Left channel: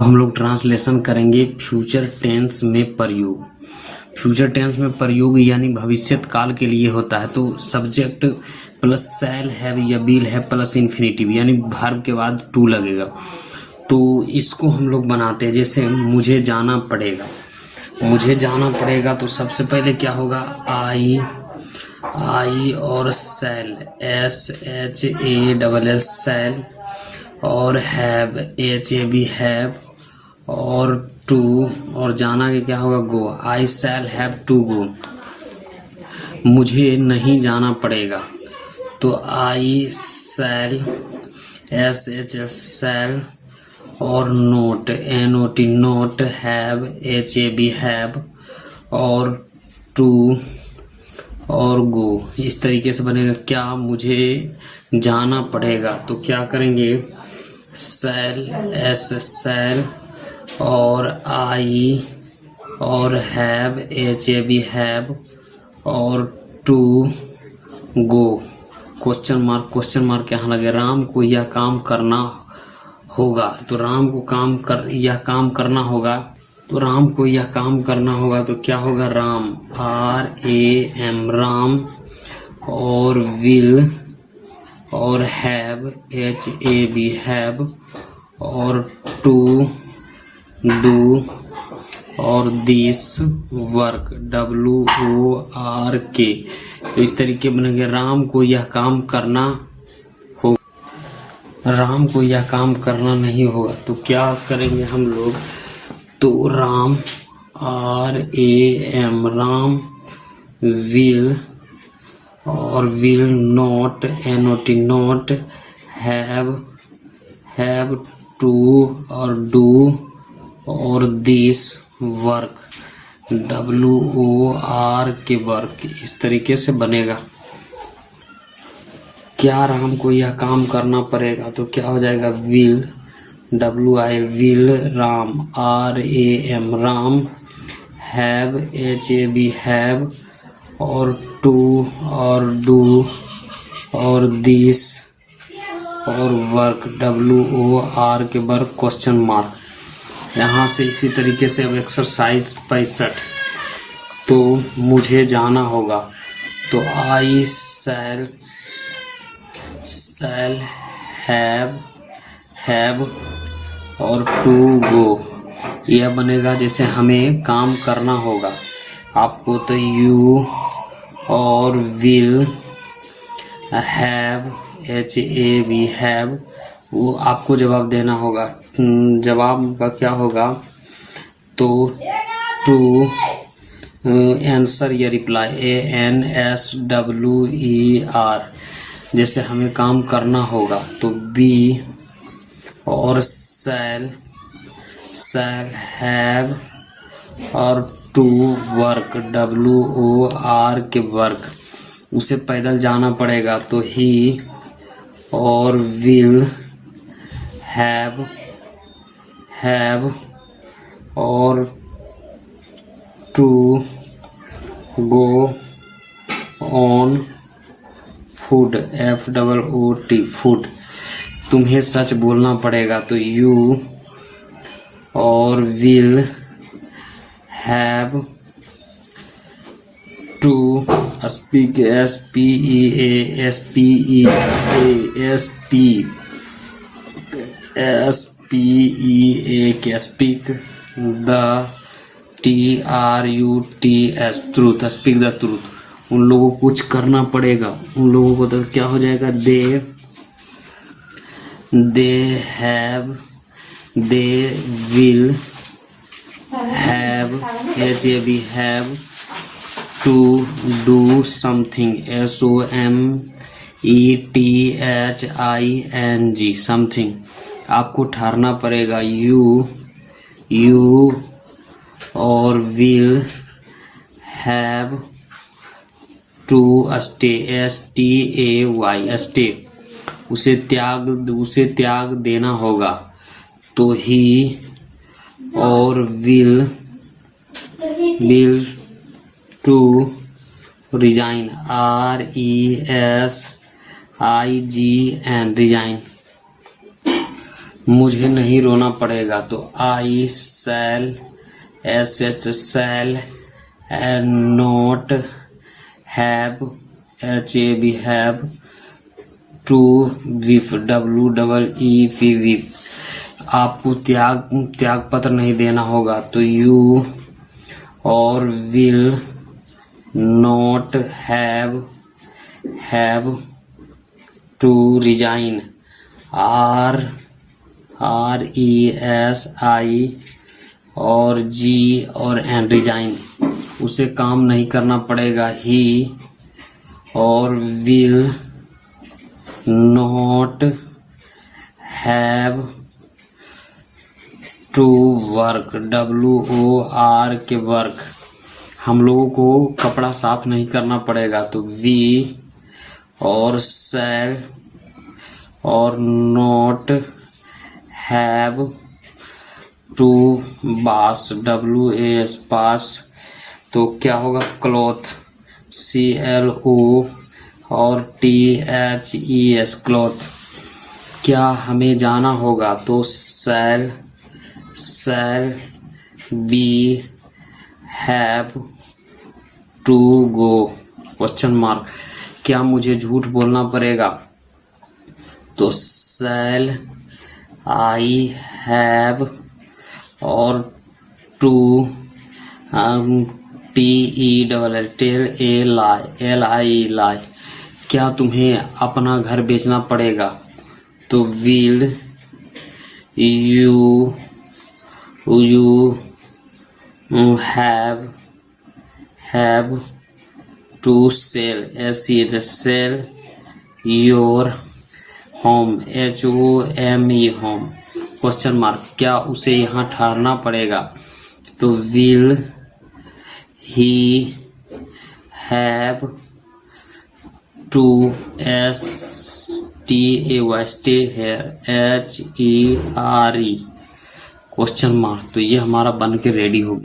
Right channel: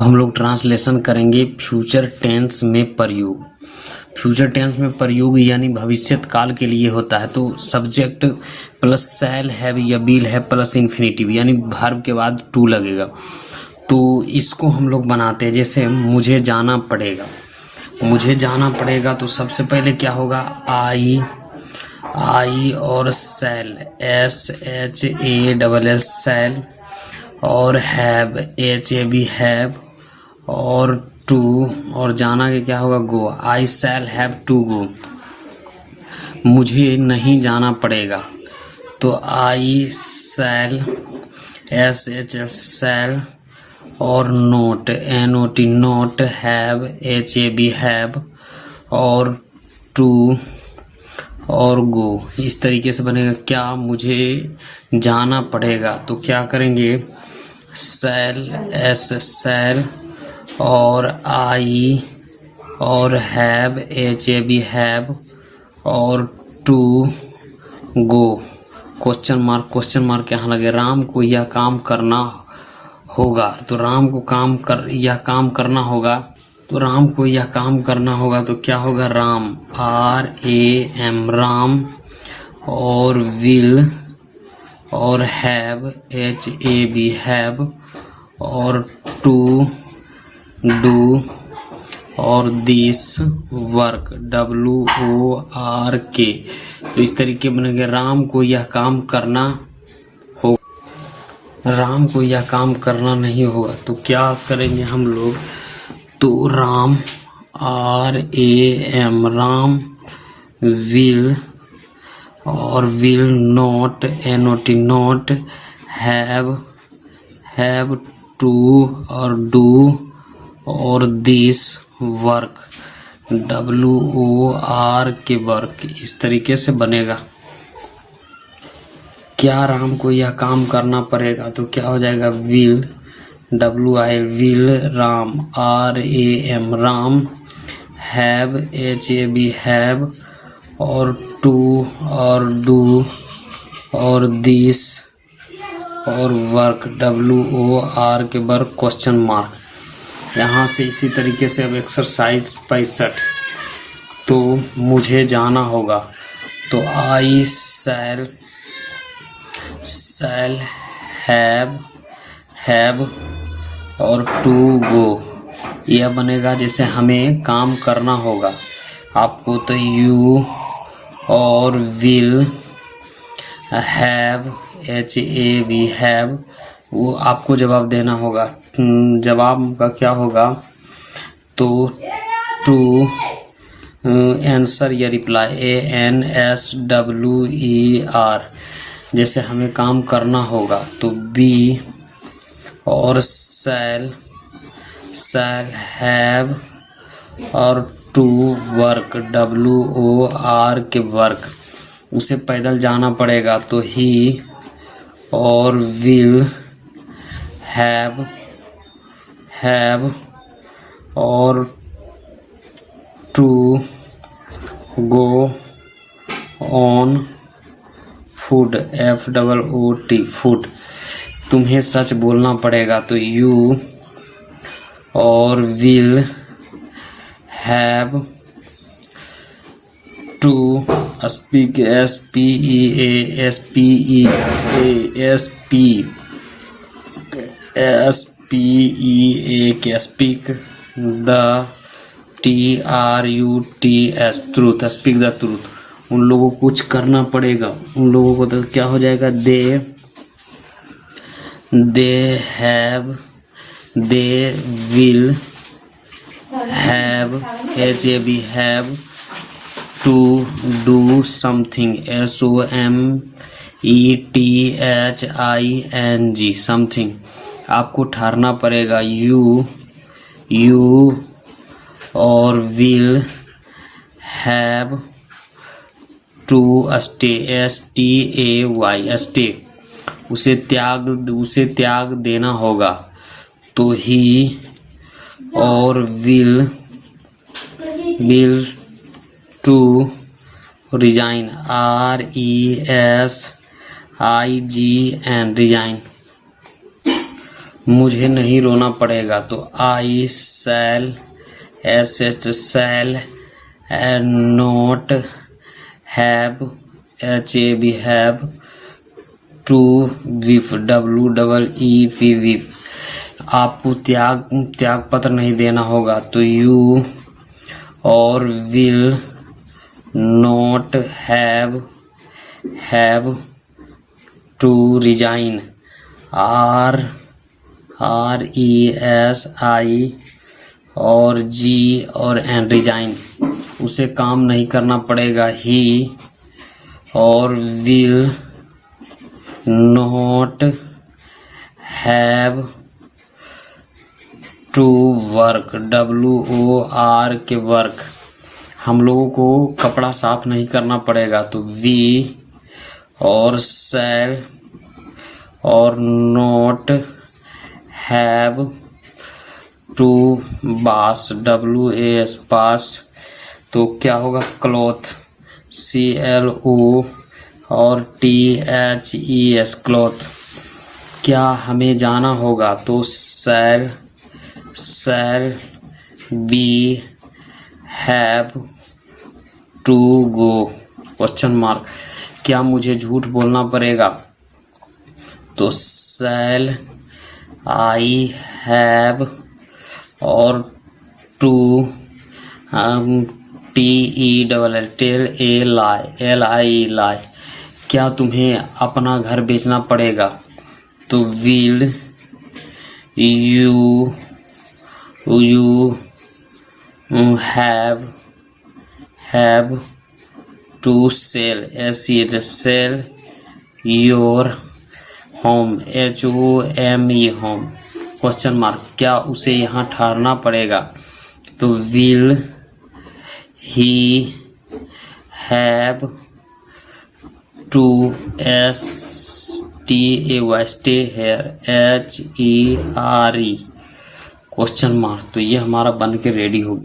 हम लोग ट्रांसलेशन करेंगे फ्यूचर टेंस में प्रयोग। फ्यूचर टेंस में प्रयोग यानी भविष्यत काल के लिए होता है। तो सब्जेक्ट प्लस शैल हैव या विल है प्लस इन्फिनेटिव यानी वर्ब के बाद टू लगेगा। तो इसको हम लोग बनाते हैं। जैसे मुझे जाना पड़ेगा, मुझे जाना पड़ेगा तो सबसे पहले क्या होगा, आई और शैल SHALL शैल और हैव HAV हैव और टू और जाना के क्या होगा, गो। आई शैल हैव टू गो। मुझे नहीं जाना पड़ेगा तो आई शैल SHL शैल और note NOT note have HAV have और टू और गो। इस तरीके से बनेगा। क्या मुझे जाना पड़ेगा तो क्या करेंगे, शैल शैल और आई और हैव HAV हैव और टू गो। क्वेश्चन मार्क यहाँ लगे। राम को यह काम करना होगा तो राम को यह काम करना होगा तो राम को यह काम करना होगा तो क्या होगा, राम RAM राम और विल और हैव HAV हैव और टू डू और दिस वर्क WORK। तो इस तरीके बनेंगे। राम को यह काम करना हो, राम को यह काम करना नहीं होगा तो क्या करेंगे हम लोग, तो राम RAM राम विल और will not NOT not have to और डू और दिस वर्क WORK वर्क। इस तरीके से बनेगा। क्या राम को यह काम करना पड़ेगा तो क्या हो जाएगा, will WIL will Ram RAM Ram have HAV have और टू और डू और दिस और work WORK work question mark. यहाँ से इसी तरीके से अब एक्सरसाइज 65। तो मुझे जाना होगा तो आई शैल हैव और टू गो। यह बनेगा जैसे हमें काम करना होगा आपको, तो यू और विल हैव HAV हैव, वो आपको जवाब देना होगा। जवाब का क्या होगा, तो टू आंसर या रिप्लाई ANSWER। जैसे हमें काम करना होगा तो बी और शैल हैव और टू वर्क WORK वर्क। उसे पैदल जाना पड़ेगा तो ही और विल हैव और to go on foot FOOT foot. तुम्हें सच बोलना पड़ेगा तो यू और will have to speak speak the truth speak the truth. उन लोगों को कुछ करना पड़ेगा। उन लोगों को तो क्या हो जाएगा, they will have HAV have to do something SOMETHING something. आपको ठहरना पड़ेगा। यू और will have to stay STAY stay. उसे त्याग देना होगा तो ही और will to resign RESIGN resign. मुझे नहीं रोना पड़ेगा, तो आई शैल H shall not have HAB have to weep WEEP weep. आपको त्याग पत्र नहीं देना होगा, तो यू और will not have to resign RESI और G और N रिजाइन। उसे काम नहीं करना पड़ेगा, ही और will not have to work WOR K work. हम लोगों को कपड़ा साफ नहीं करना पड़ेगा, तो वी और शैल और नॉट हैव टू बास WAS बास। तो क्या होगा, क्लॉथ CLO और THES क्लॉथ। क्या हमें जाना होगा, तो shall be have to go question mark. क्या मुझे झूठ बोलना पड़ेगा, तो शैल आई हैव और टू टेल LI लाई। क्या तुम्हें अपना घर बेचना पड़ेगा, तो will you have to sell your home HOME home question mark. क्या उसे यहाँ ठहरना पड़ेगा, तो will he have to stay here HERE question mark. तो ये हमारा बन के रेडी हो